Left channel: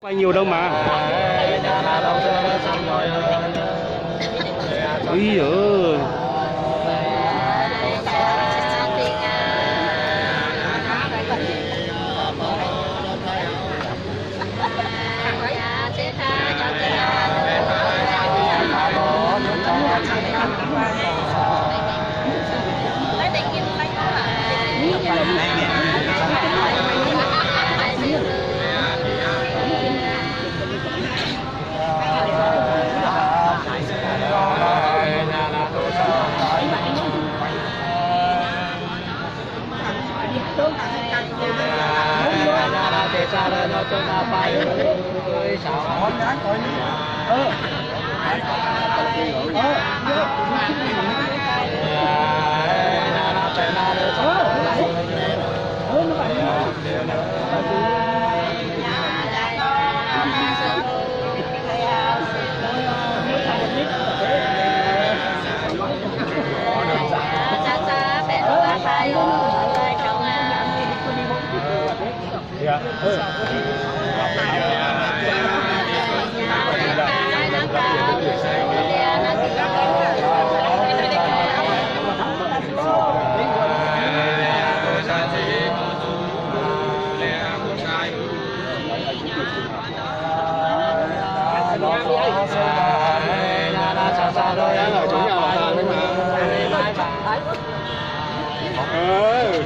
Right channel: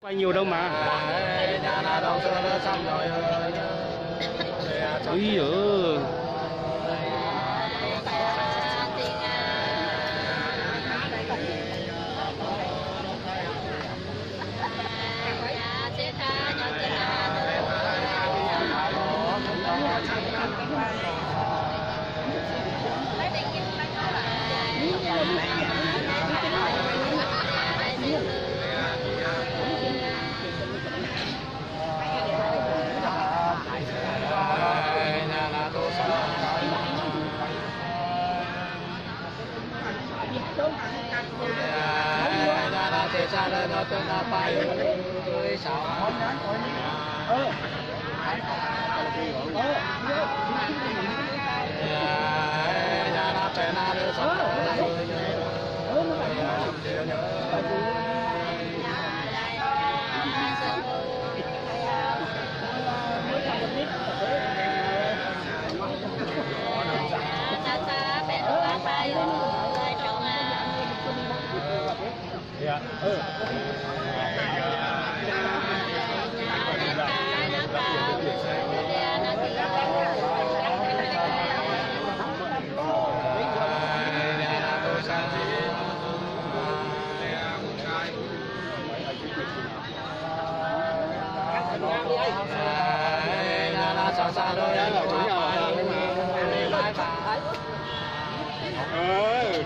Quay nhiều đâu mà. Ui giời.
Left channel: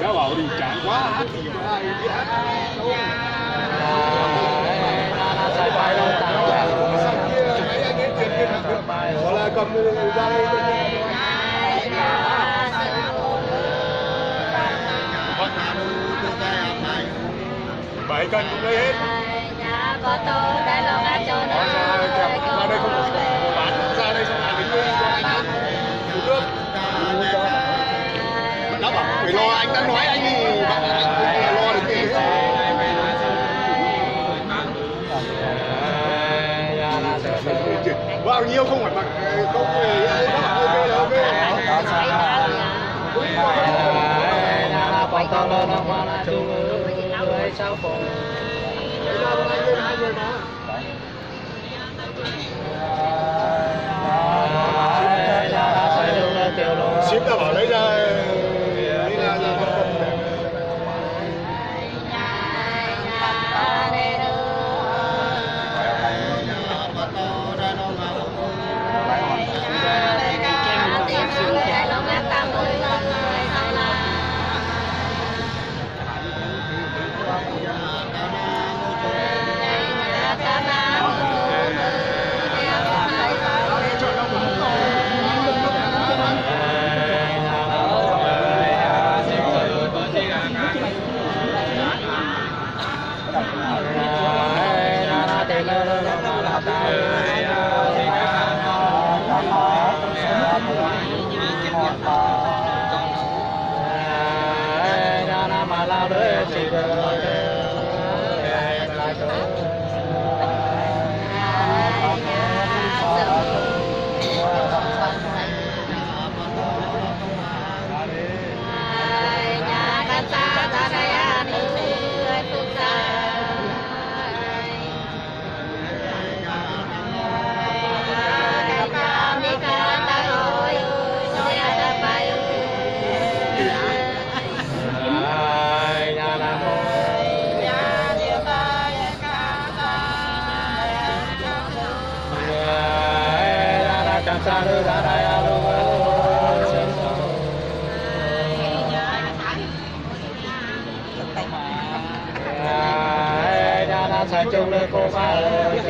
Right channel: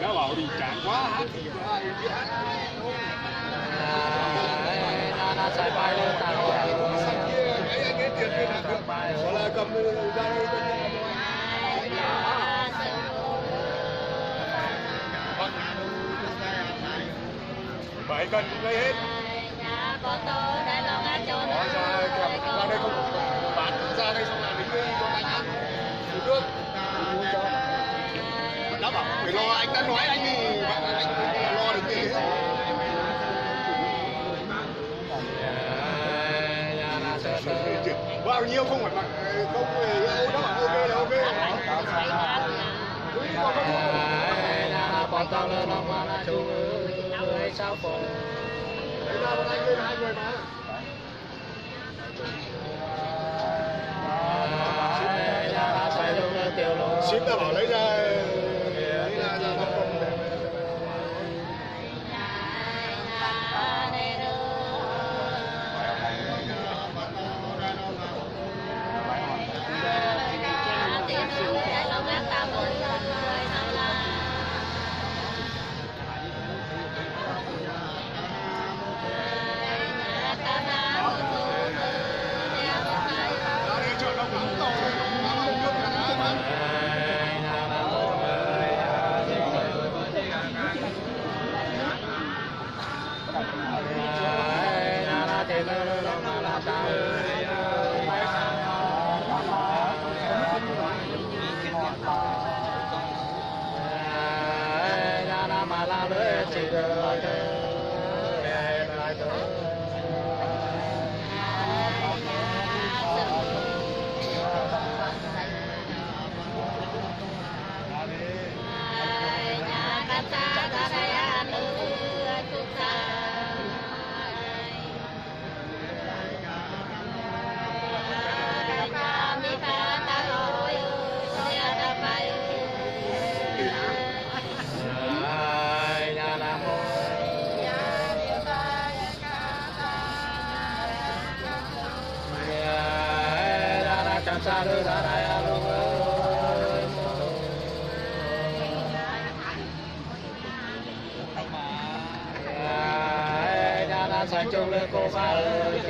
Nó bảo đi cạn quá hát thì ai biết hát sang kia mấy anh ấy truyền viên hàng được gọi là cầm ra đây bảy cân cũng lấy hết. Có tô Đài Loan á cho nó ra đây không có bán ra đây xong là đến đây cho anh ăn uống nước. Nó bảo phải lo, anh đã nói anh thì bạn anh lo được tiền hết. Bao nhiêu không phải mặc không nó bảo ok là ok. Anh lên hai người mà. Ship ta bảo lấy ra ra 5 cân để sa chung lên cô ba ơi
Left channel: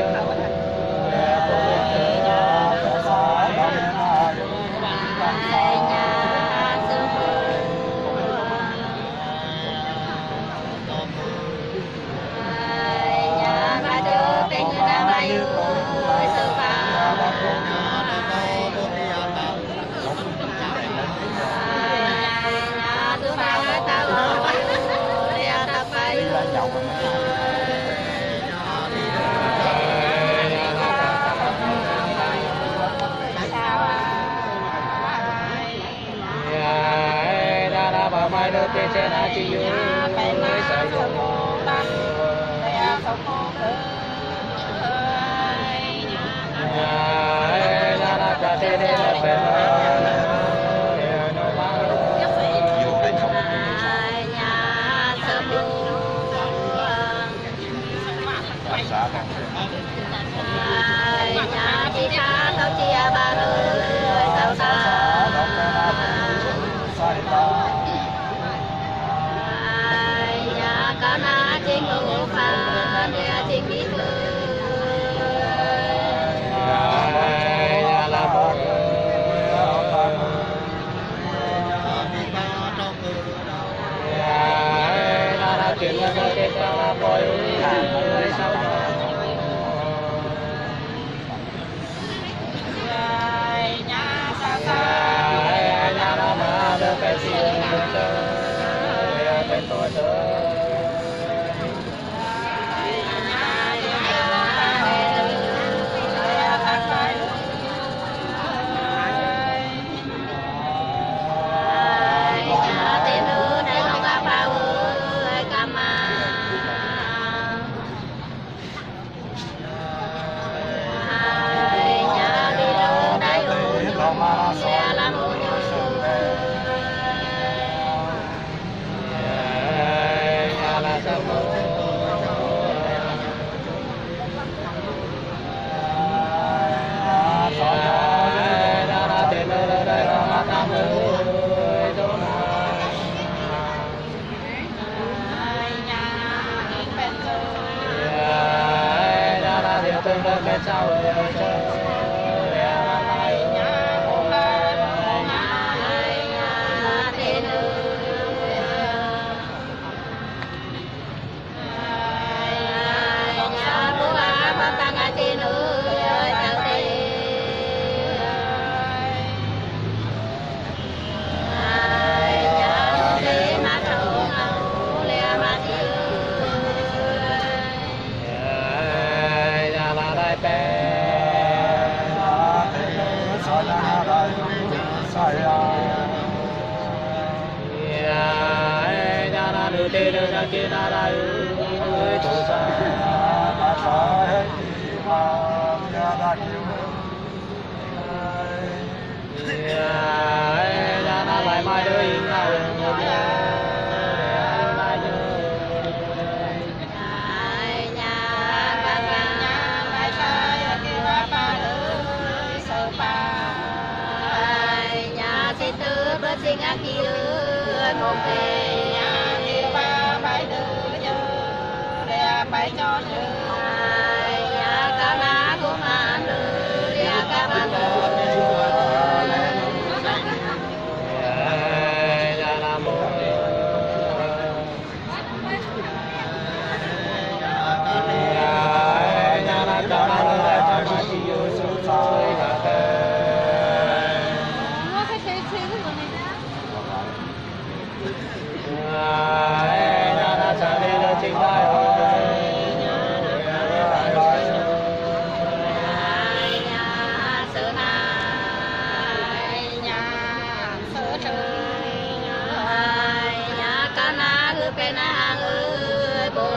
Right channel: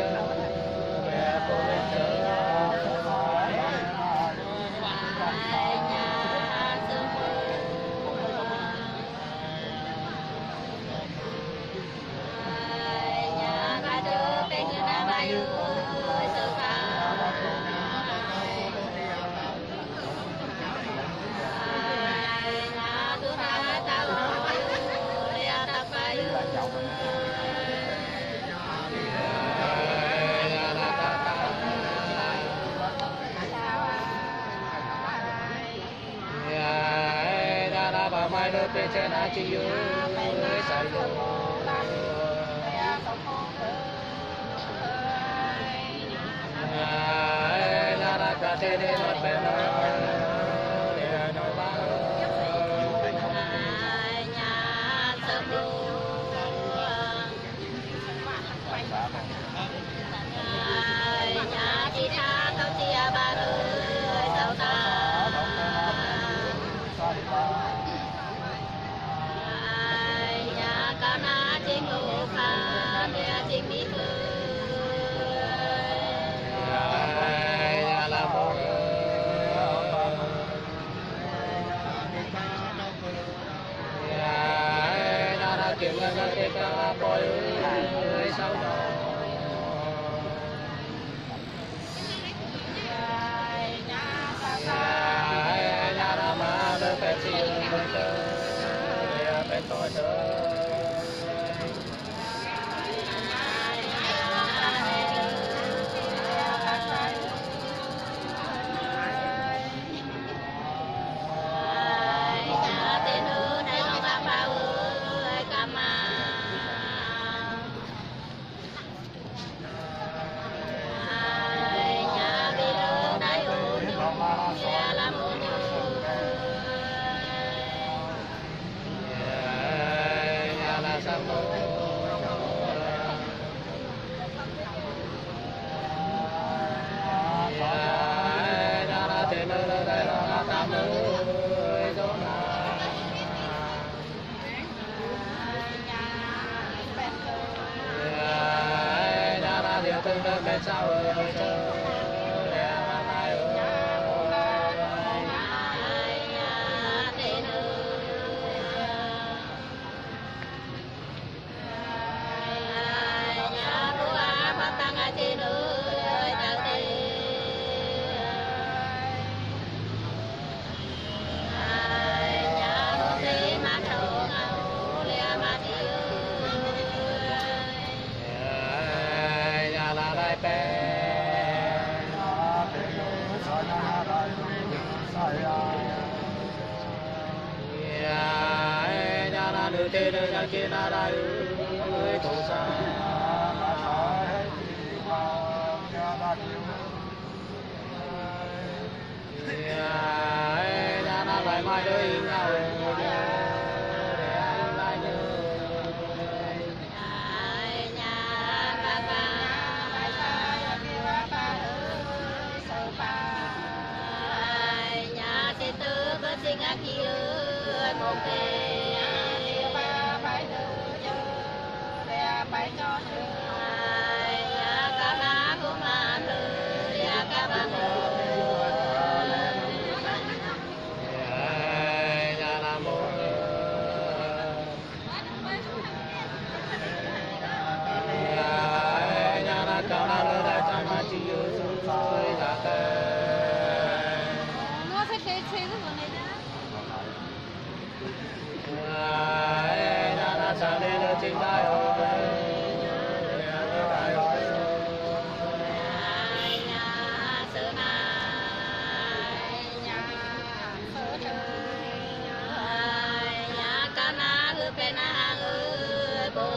mai đưa tiền trên ai chỉ nhớ sai rồi nhà chị tha tao chia ba nơi sao ta nhà con na trên lũ pha để trên đi chuyện là cái cho bồi sau đó nhà nó mà được cái chuyện cái tôi từng đợt bên sau rồi tê đưa ra kia na ra tổ sa ra na lại mai đôi nhau nhà sẽ tư bất sinh ác kia một về nhà cá na của man đưa nhà cá man đưa nhà nam mô nhà na cá na đưa cha ma chi yu su soi cả thế nhà na cha đi đưa chính đại bên hàng ơi bồi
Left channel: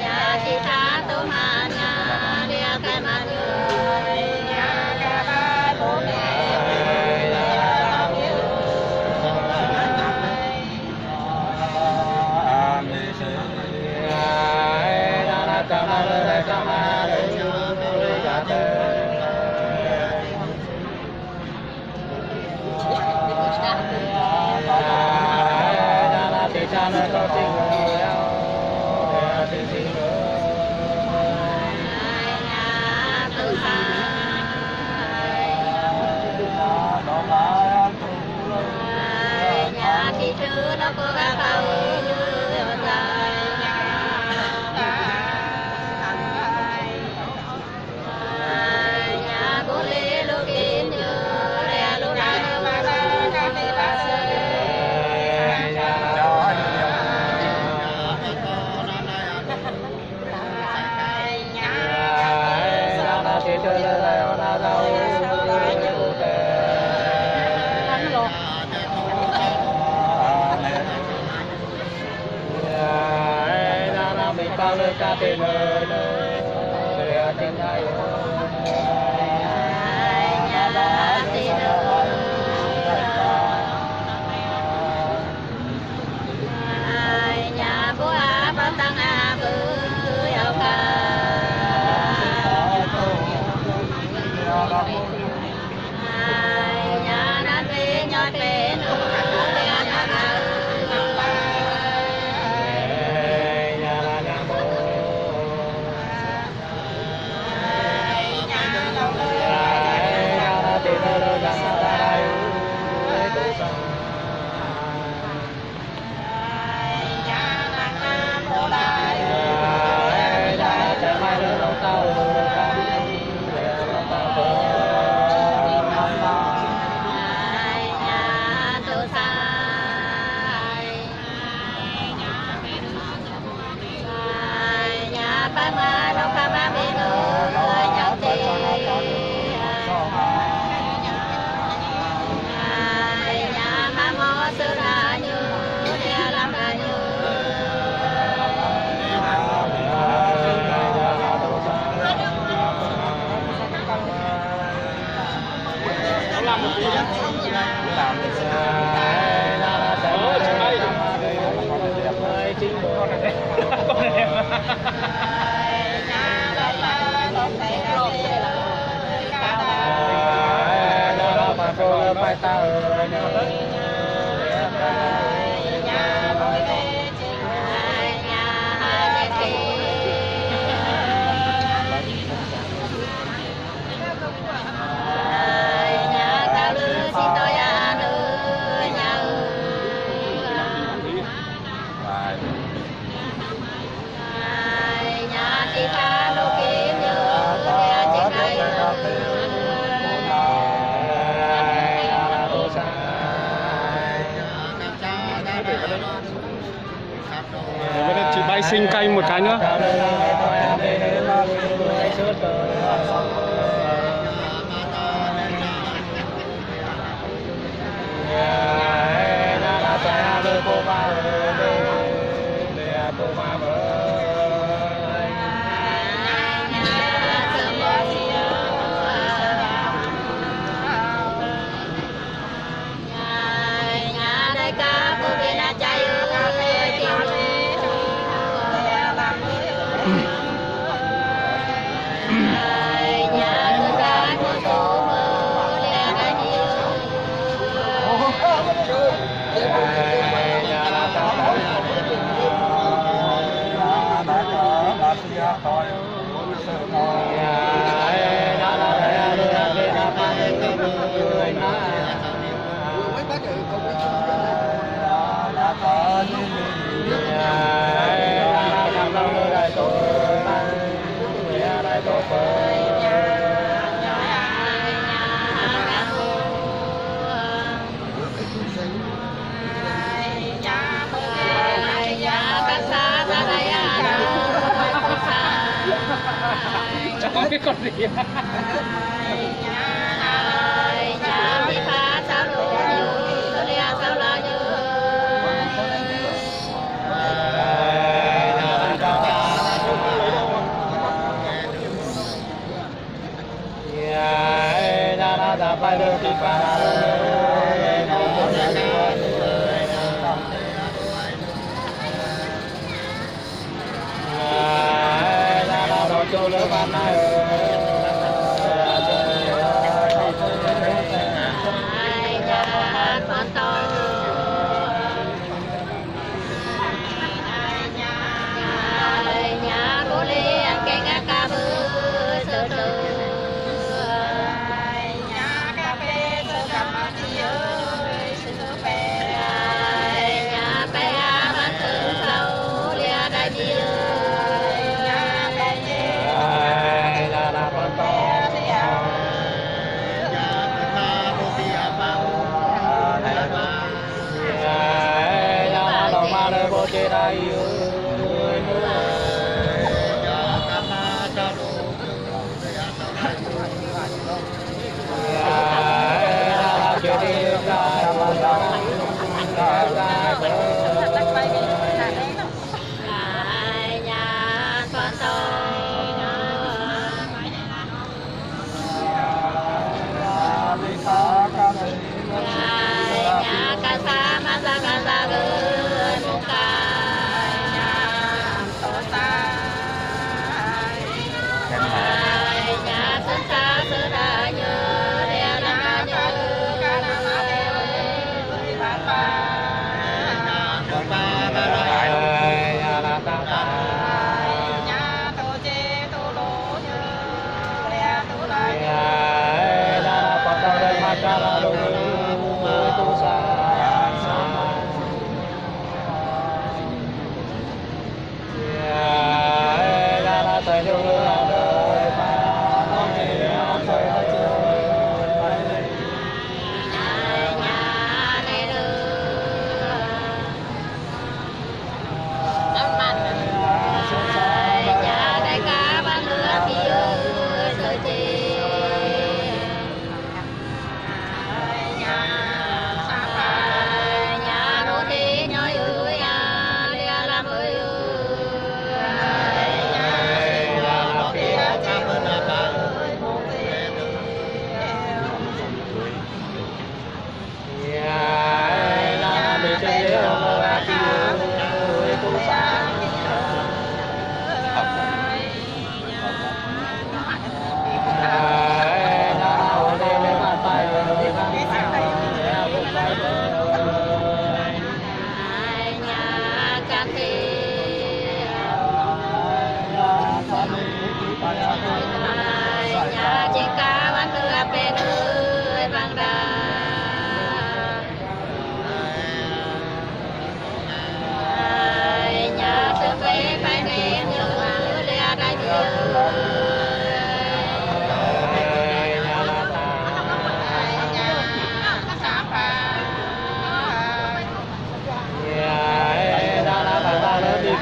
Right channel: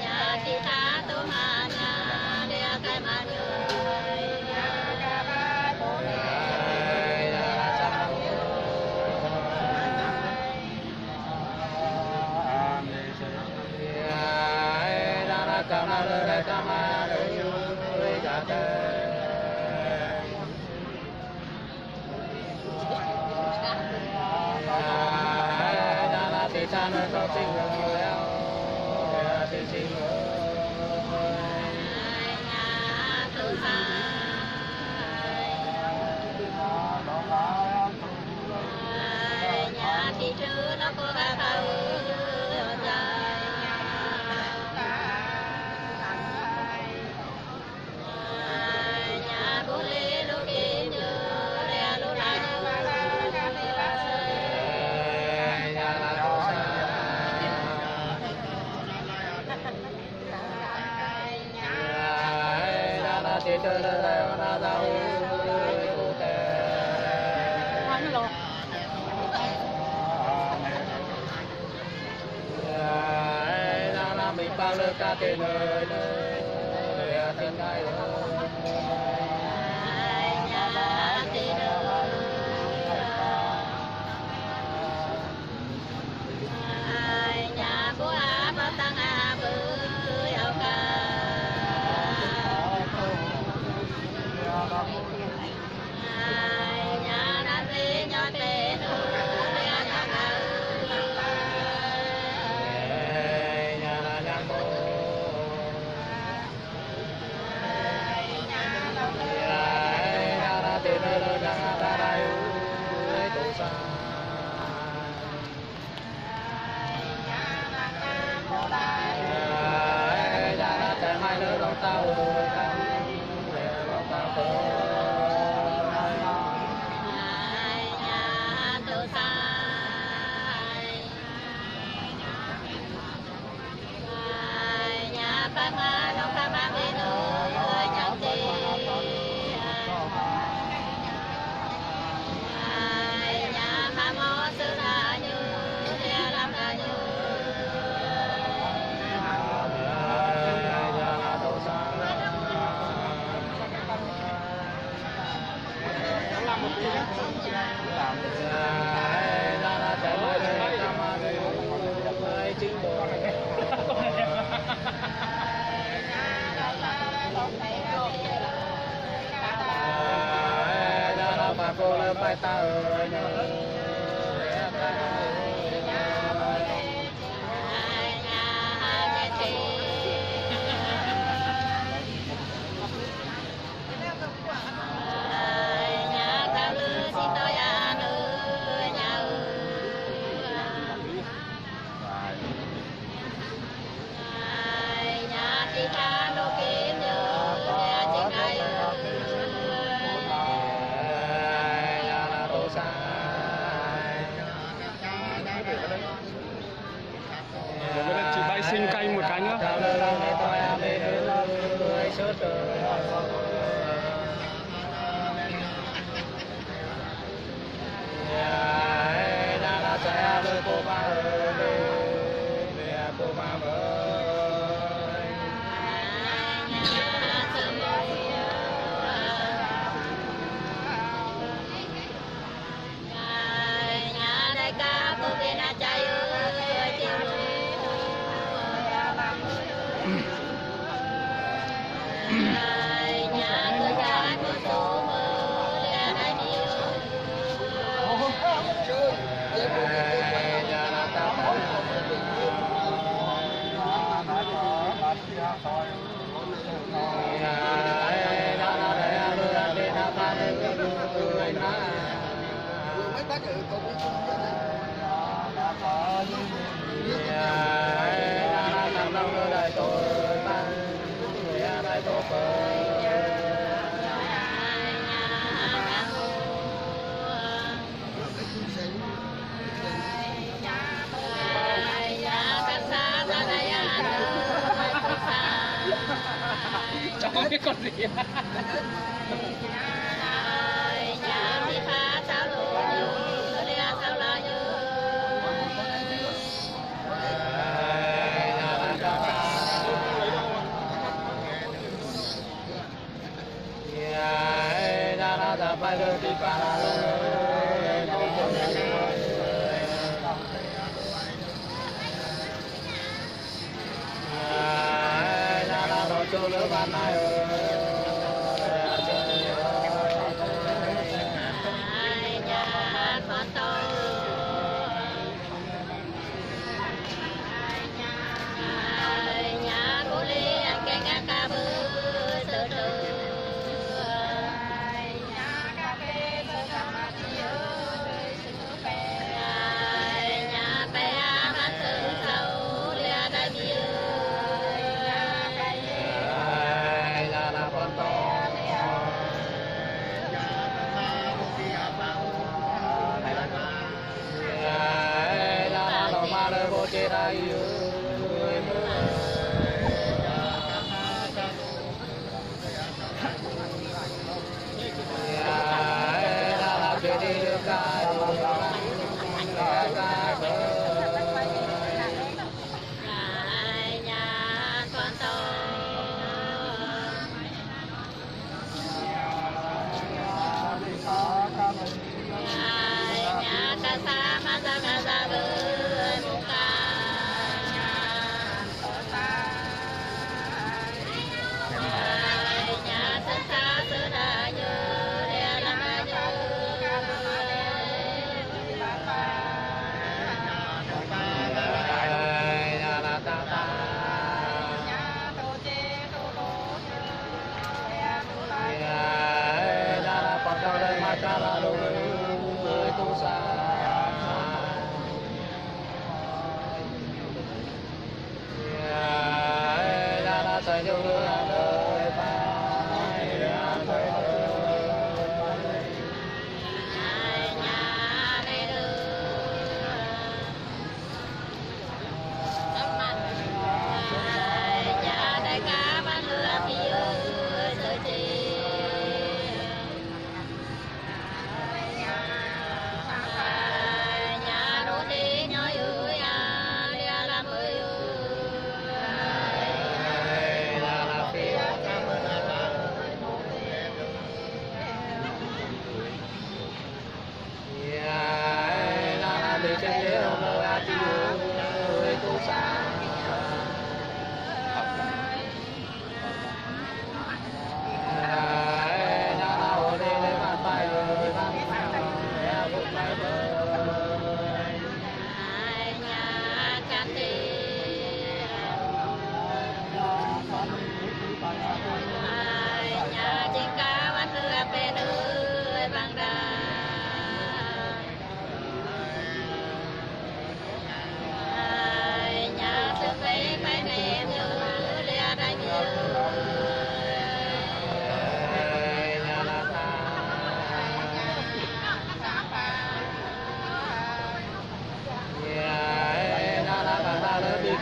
nhà chị tha tô mà nhà để cái mà cha nó có tình người để tình tình nhà tự nhà chị trưa nó có gà tàu nhà bố lê lô kiến nhớ lê lô lại chơi là na rau na mình bao lơ ca tên nơi tình ai nhà tiền tăng na đâu kham ma bê nữ nhân chi nhà ma mô sư ra như địa làm ra như bài ta ơi chị bay sinh canh một cái nữa. Mấy bác ở công đi chung với Không biết con gì. Nhà mi pha sao lộ như ria sao la như Hãy subscribe cho kênh Ghiền Mì Gõ để không bỏ lỡ những video hấp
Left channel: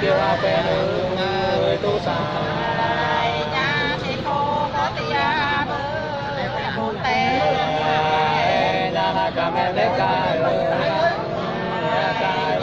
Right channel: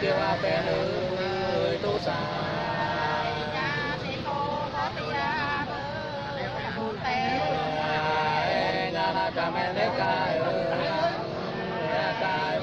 kêu a pe ơi tu sa nhà là cả mẹ lê cài cài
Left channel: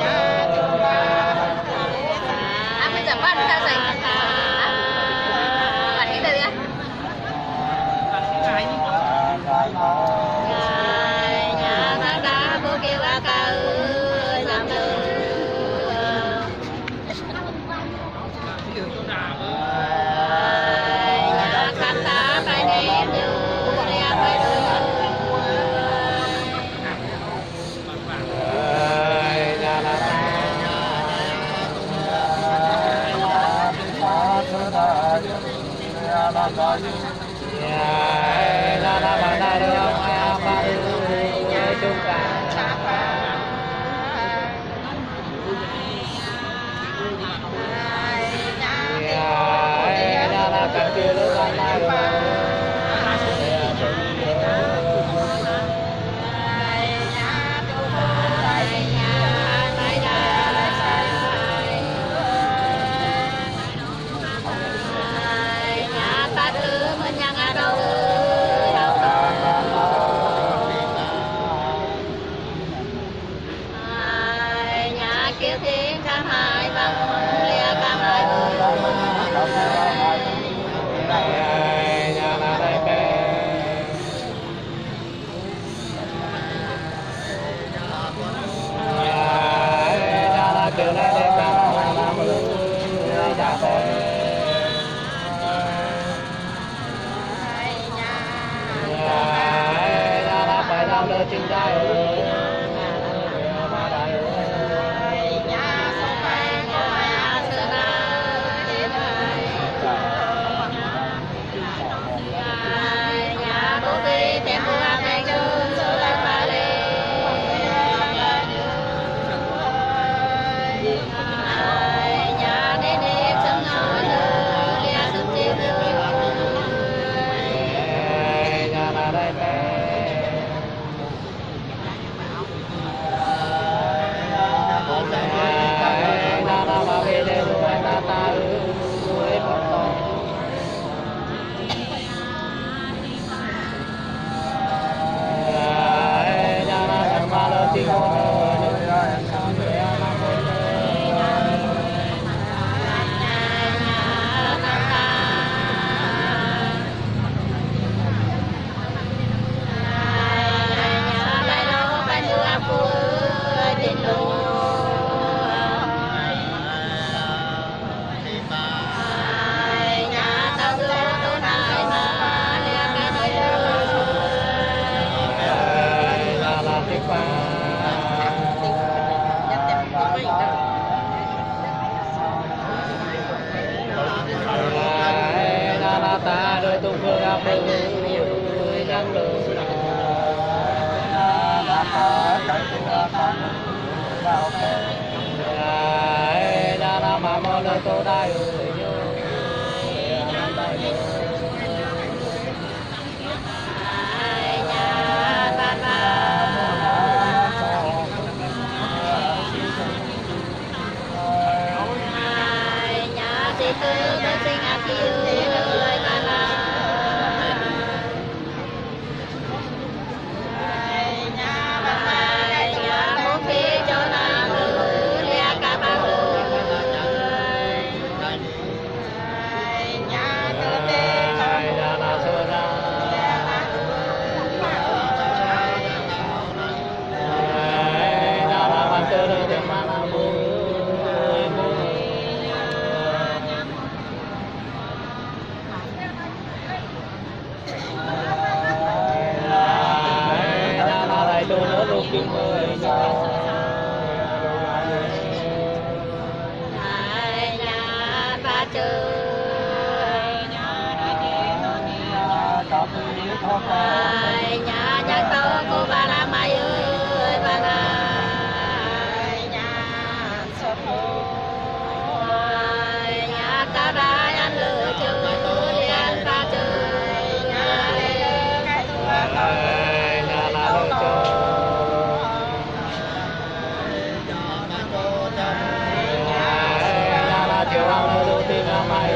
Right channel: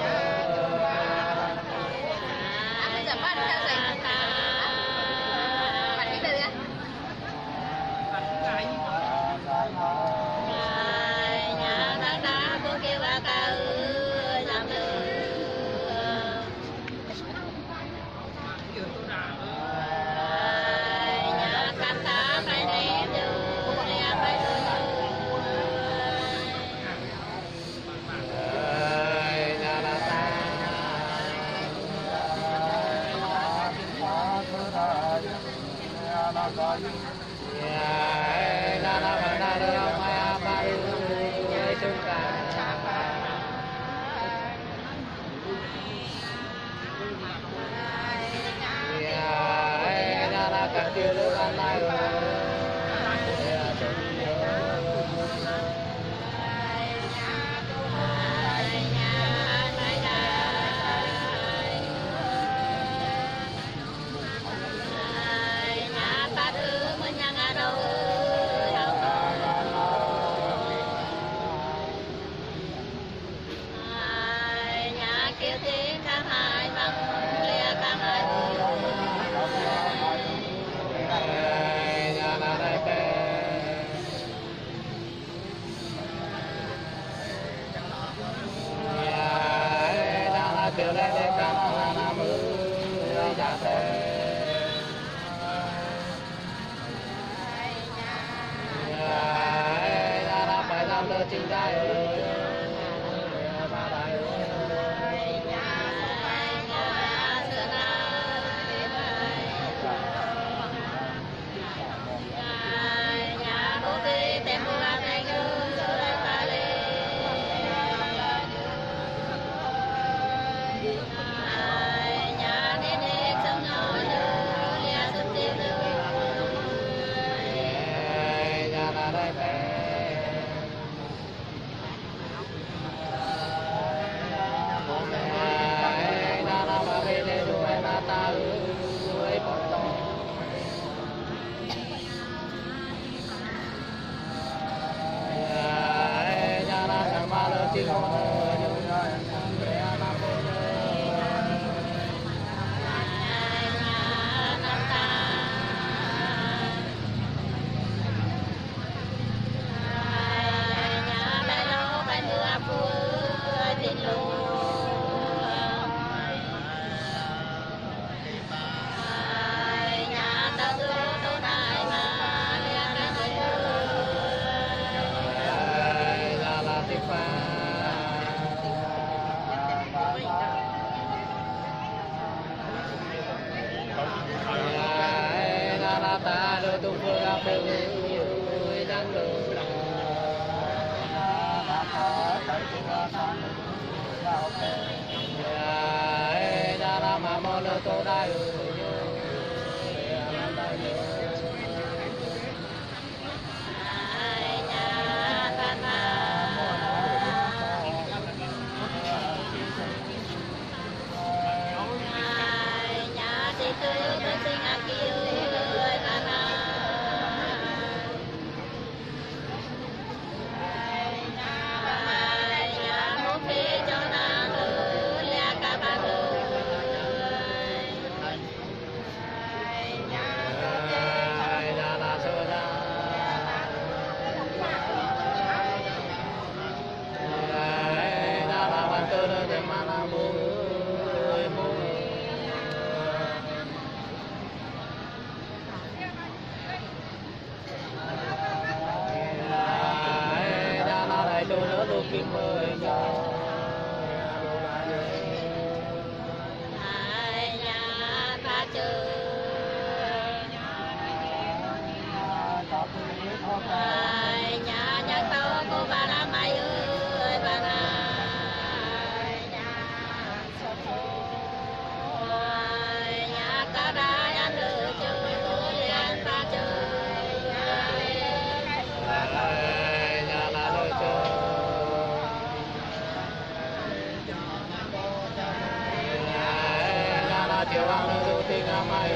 chiều ăn nơi đô tin mai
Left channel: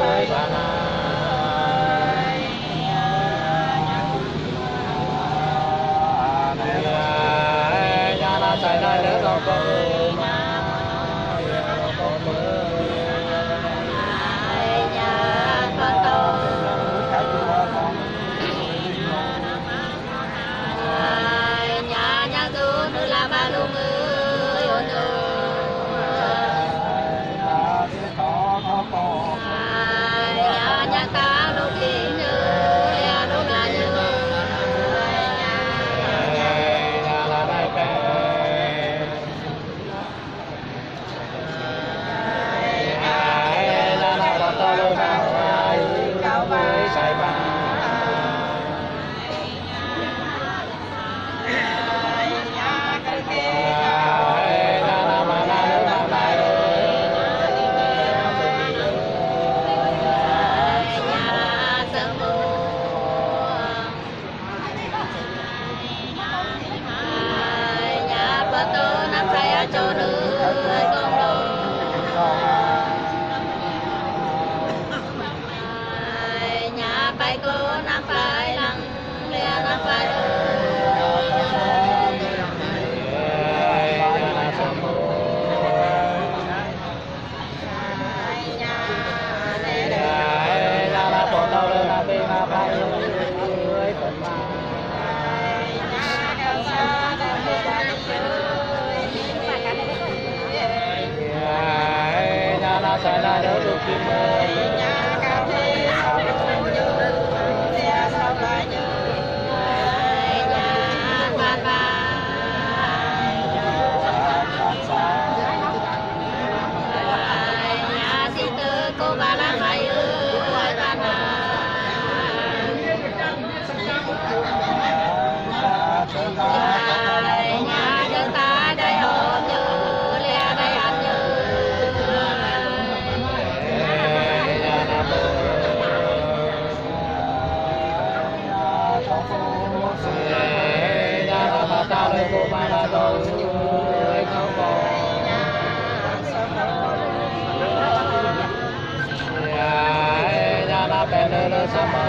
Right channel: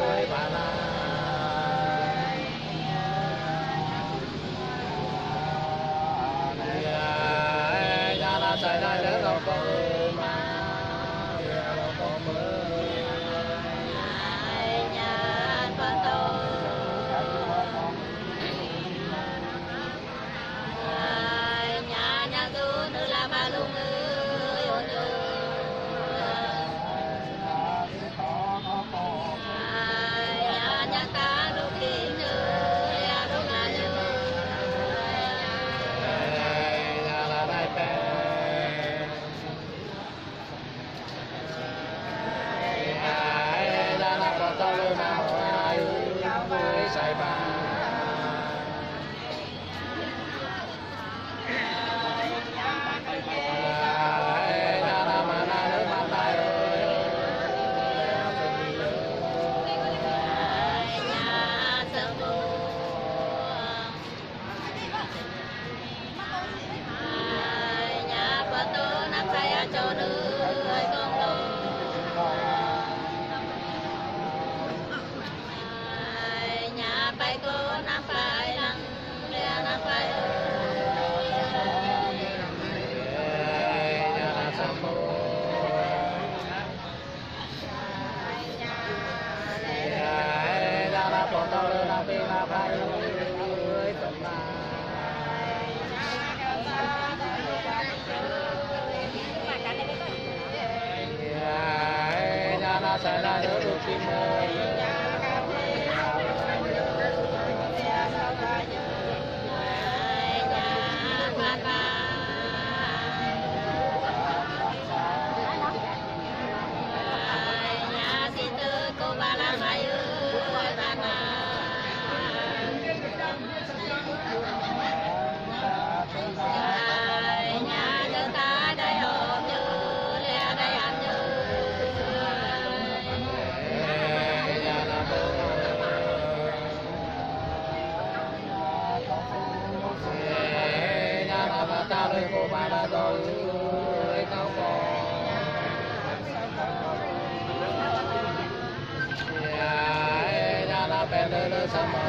ơi bà na nhà na chạy nơi đỡ đâu có mà đâu có mưa nhà con tôi nhà tôi đưa la ba luôn ơi ôn nhà ta lúc kia như lúc là như nhà là đại bé nhà là con tao lớn nào ai với sai ba cho đứa con lo nhà bay cô nắm phải lăng lia nắm phải bọn tao lên là bên là bay ơi phần mà nhà na sẽ là đỡ được kim ơi nhà xin tư cô bà la mày ơi bà na nhà dân ta đây hộp như lẽ đây ăn như nhà na mà tao đây cô mà là đâu không có nhà na bên đây là sao mà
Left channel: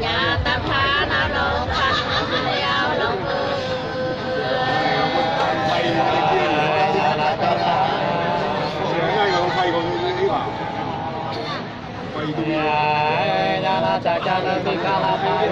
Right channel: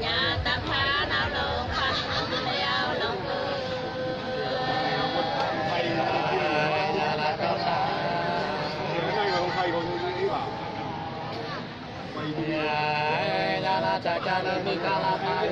nhà tam phá nào lộn phanh leo lộn nhà là con ta ngay mà không thay con đi vào quay tôi nhà là chạy cha nó đi ca la tay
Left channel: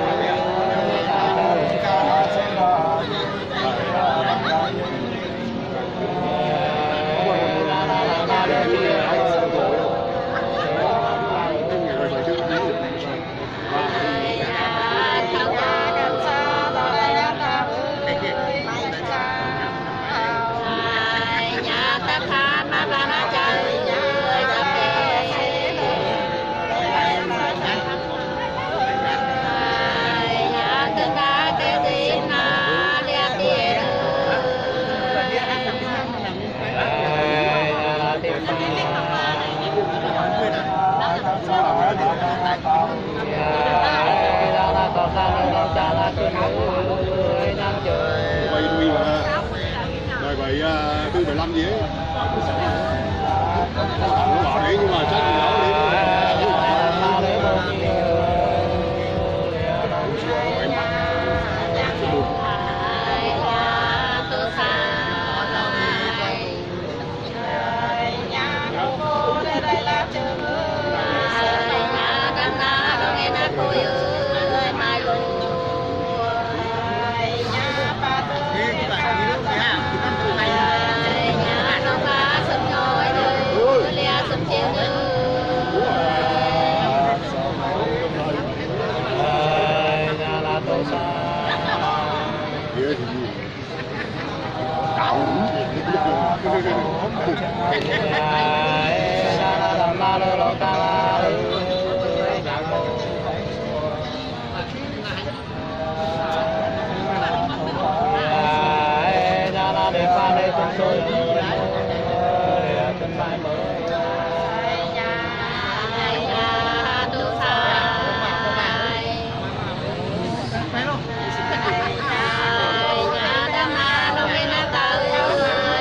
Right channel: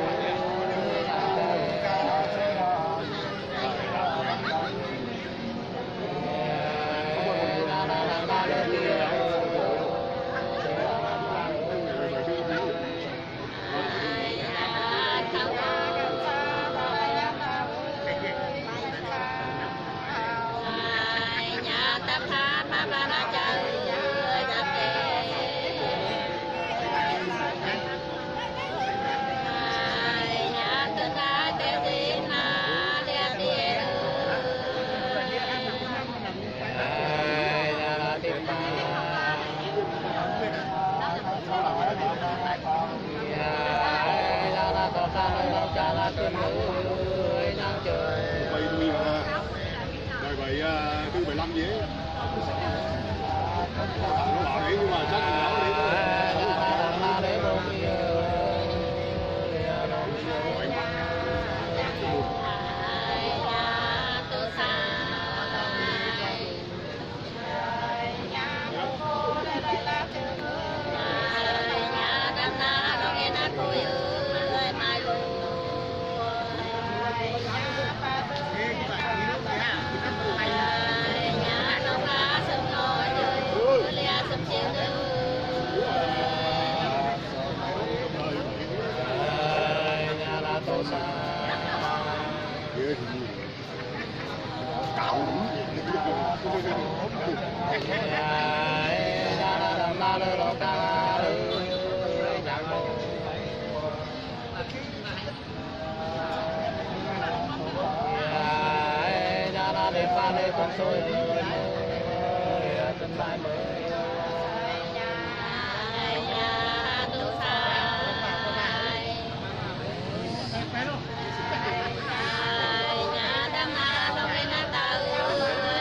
nhà ta phá mà bà nó chơi tập nhà tương đá kêu tin na liệt tiền nhà là tiền pha nhà là có sao đâu cha là tiền người năm trời quay tôi mà rồi vậy tư 15 gì ấy nó bảo đấy nhưng mà chắc là nó đấy bao nhiêu nhà tôi xa nhà đam na đâu nghe na tôi ơi mai luôn nhà nó phá sớm ngồi chơi lia sớm chiều nhà là tôi xa kia thì gì cạo nhà là đầm ma lô ta la nhạc mô chân trôi mới chân lại mới nhà tu sai nhà đam na lo bên na tao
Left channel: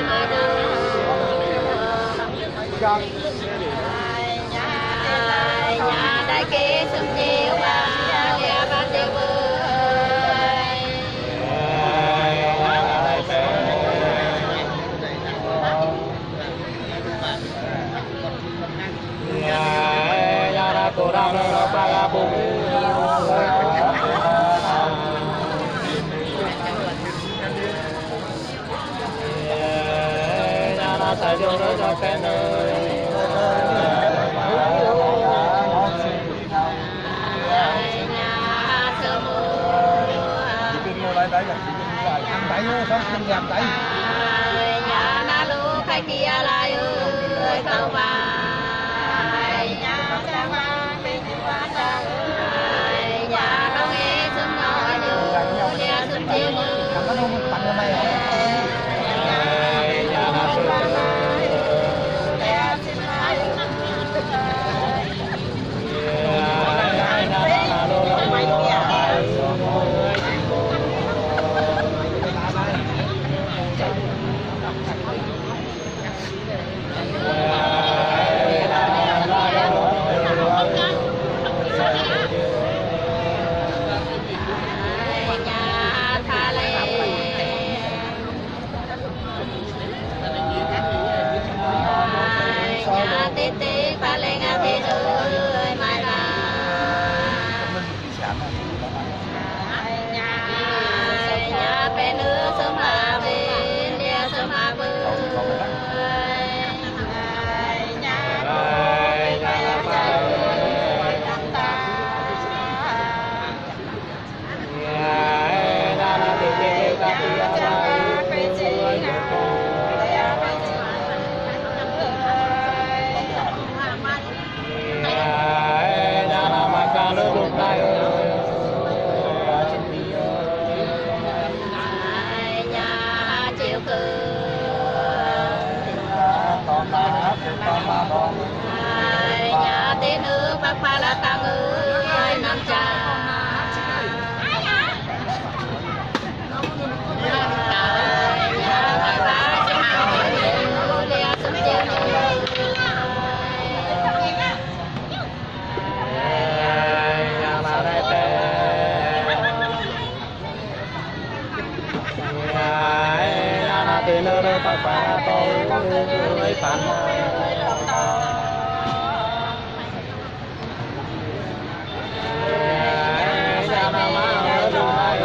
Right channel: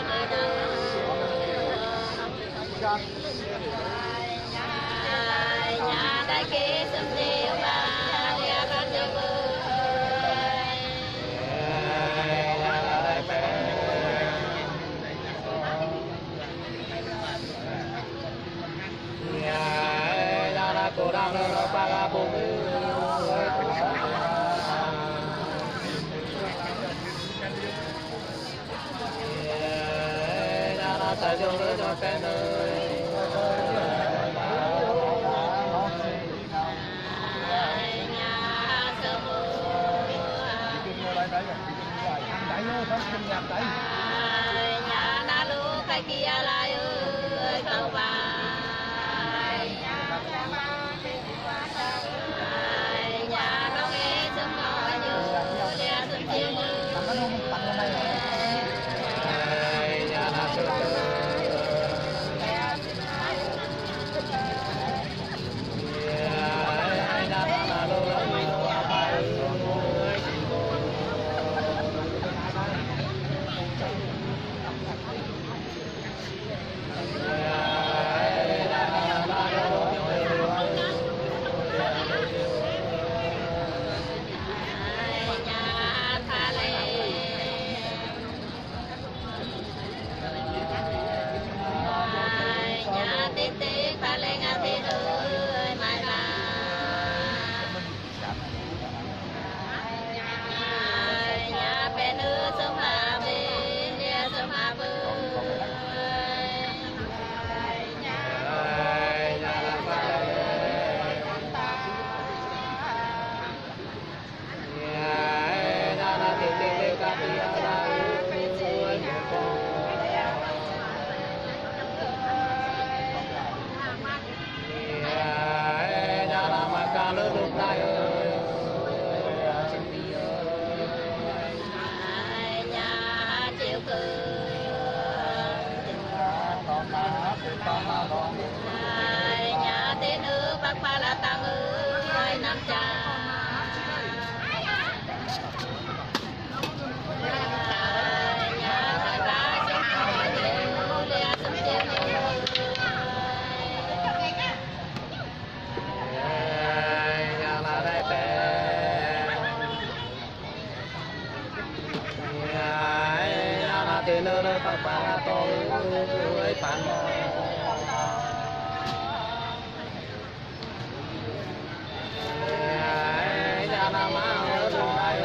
mơ đâu nhà đại kế sum chiếu ba lea ba tiêu cô đam nó ba ga bùng nhà nó sai vô nó cho cái nơi nhà sơ nhà na lu kai kia lai ơi cầu bài nhà con nghe sớm ngồi như nhà sớm chiều như nhà nó sơ ba lên à thế ơi mai là nhà bé nữ sớm hà về nhà sớm hà bơi nhà chiều nhà tên nữ bác ba là tăng ơi nam cha nhà hai ba chiếc hỏi như lia sớm chiều nhà mà đây nhà là tiền đâu bác ba là tôi phản nhà nào mà ở đường này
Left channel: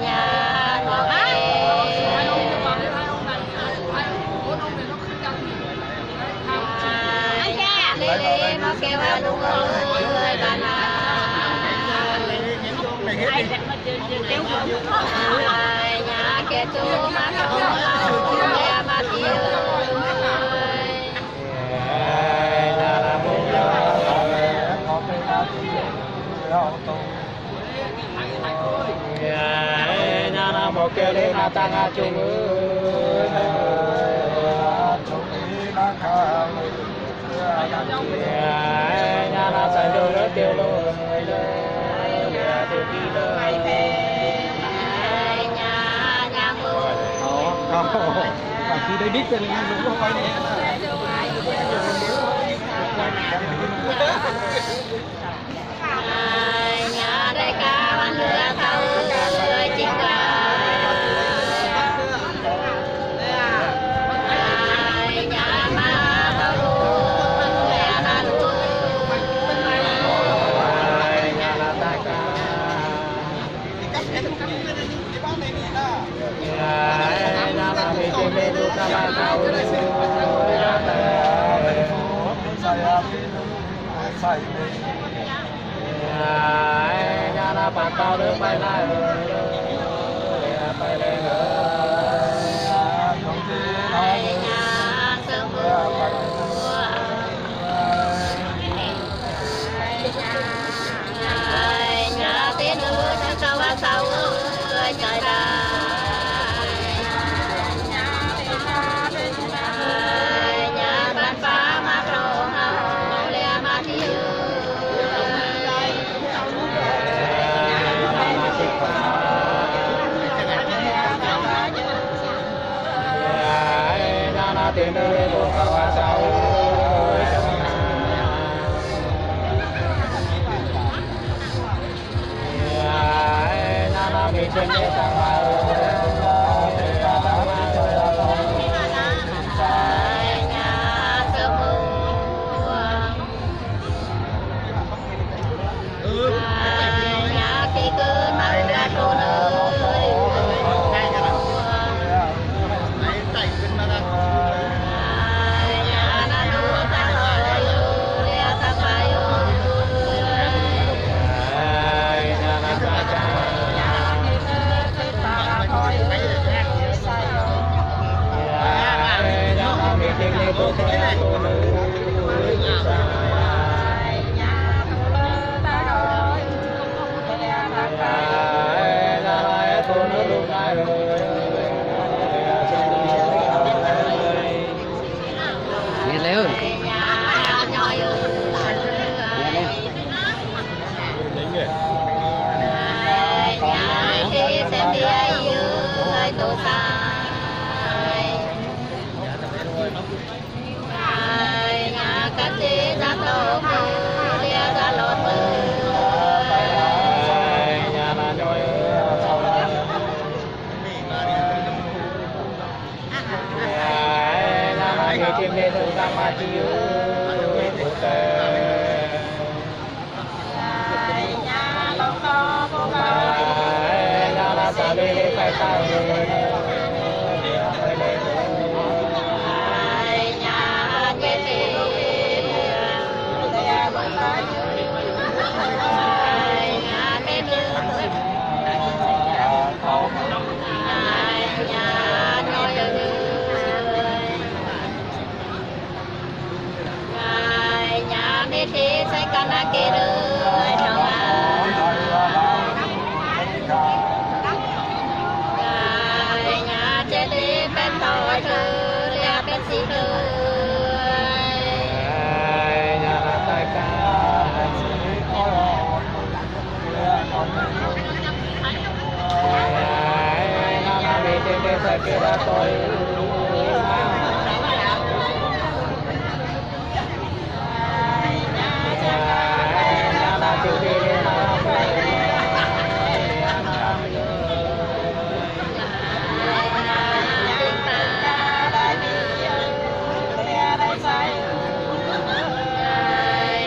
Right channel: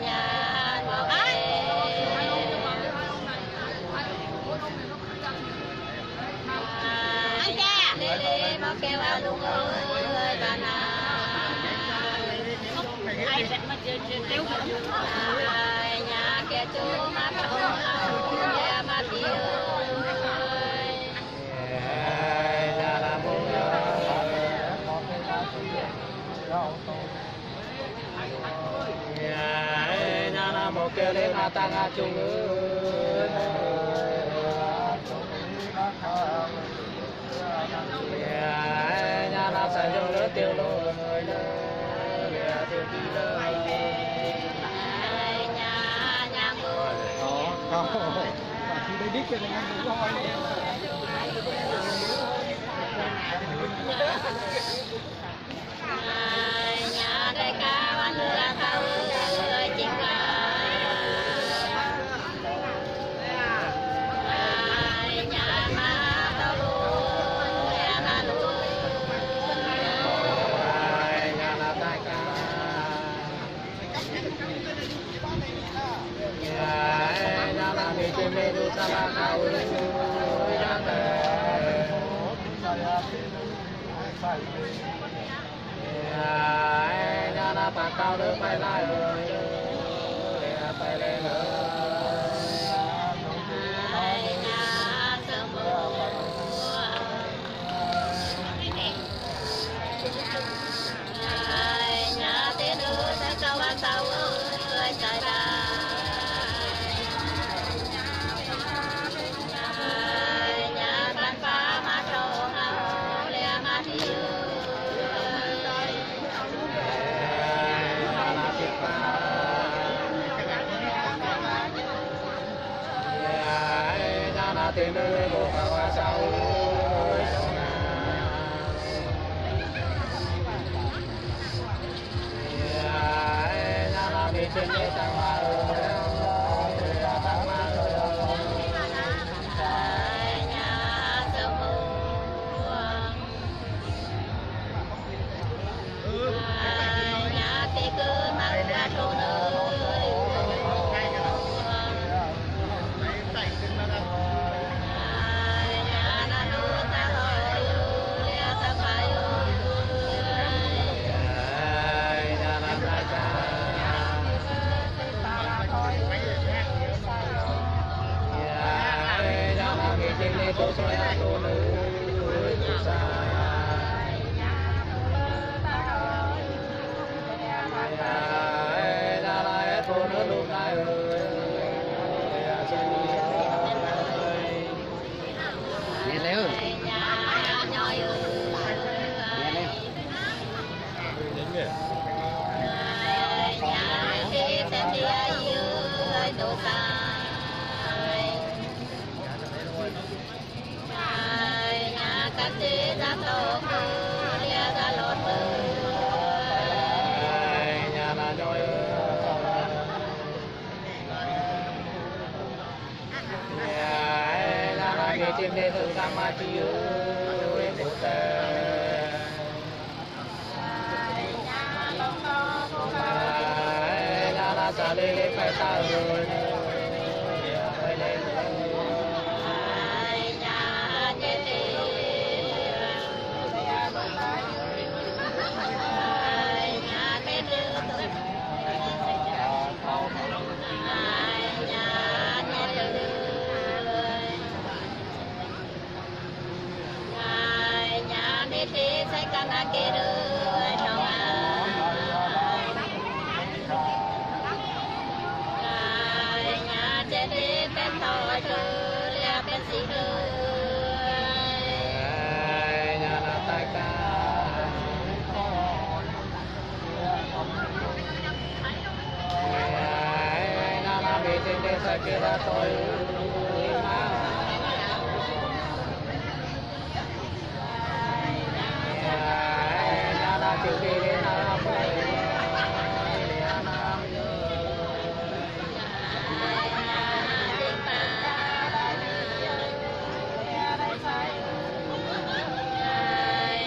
nhà ngọc lê lê mà kêu đúng ơi bà nhà kia chú mà không lâu nhà mà tiêu nhà là bố nhà là một kêu đến mà tăng chung nhà là sai vô nó tiêu lôi từ khi đời nhà nhang luôn và khi đây biết cho nên đúng không anh nhà đại ca văn lừa thâu lừa chính là nhà ma thâu luôn nhà na luôn nhà là đại ca nhà là mình trên bên đu ca ba thâu nhà là bạn tao được bay lại bay lên nhà sơ mưa nhà tên nữ ta sao ba sao ơi trời đất nhà ban phá mà trâu ngầu lẹ mà đi tiền đời của các cháu nhà nó bị trên nhé tăng ma nhà khi cứ mang ra trốn ơi tôi sẽ cô nữ cô nữ lúc này nghe léo xem đi ai tôi nhà cắt đi ra tổ kia ra lót mưa nhà là nhoi nhà là nghề chim đi từ ra mà chiếu nhà là xa đi đi phải sao rồi thế sai cana kê rơi trong nhà chết đi bên tội thư lia bên xí thư nhà là tai ca nhà là bị trên đây sai kia ra tôi chịu đi đến nào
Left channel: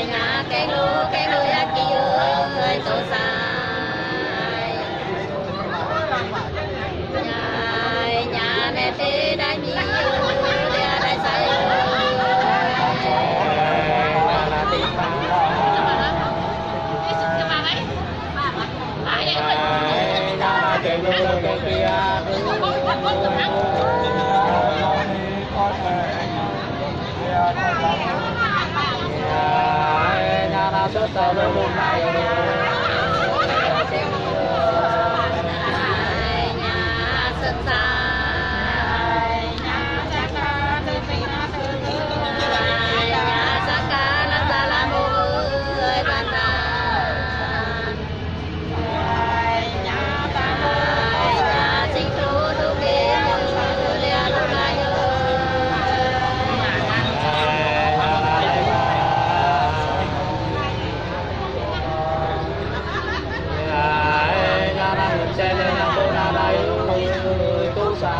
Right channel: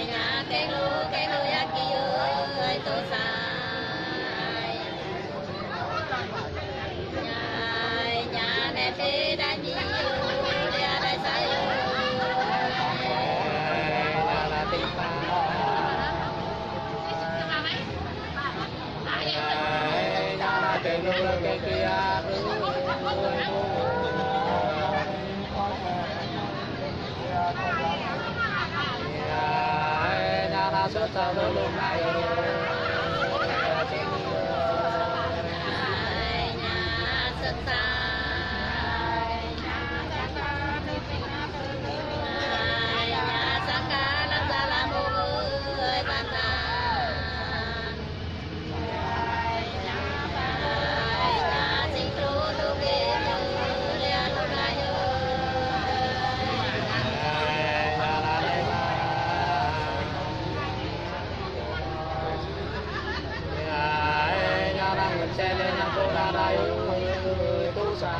nhà cái lúa kia ơi tổ sai nhà này thì đã nhiều dia đại sai nhà là tình cái người cái kia nhà là rất sao với lúc này nhà sân sai nhà sang ca nó ra là một người bạn xe lên nhà cô ra đây tu sa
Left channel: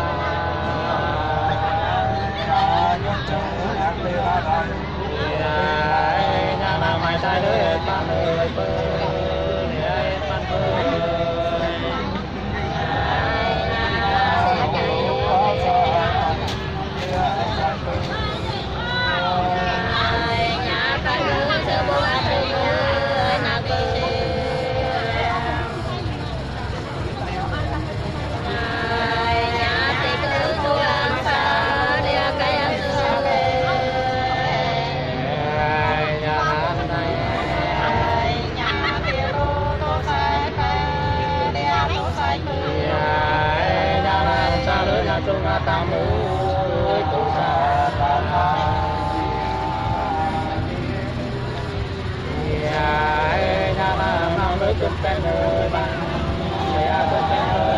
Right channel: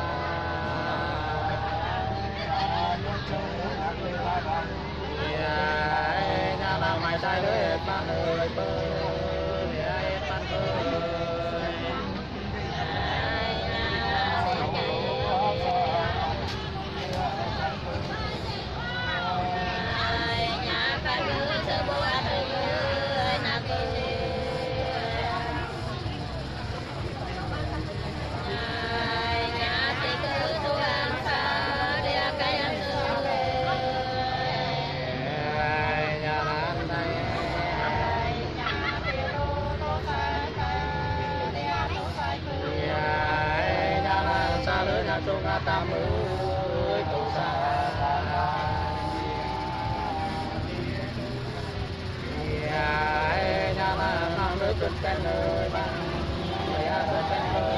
nhà nào mày sai đứa pan ơi bơ pan bơ nhà phải nhớ sơ bộ ăn ơi nào cô tam muối tu sa ta nhà nam nữ tuân tên nơi bằng nhà tuân tên nơi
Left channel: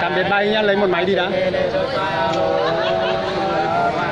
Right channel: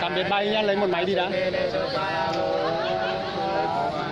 Tạm biệt bay nhá, lấy một máy đi đã.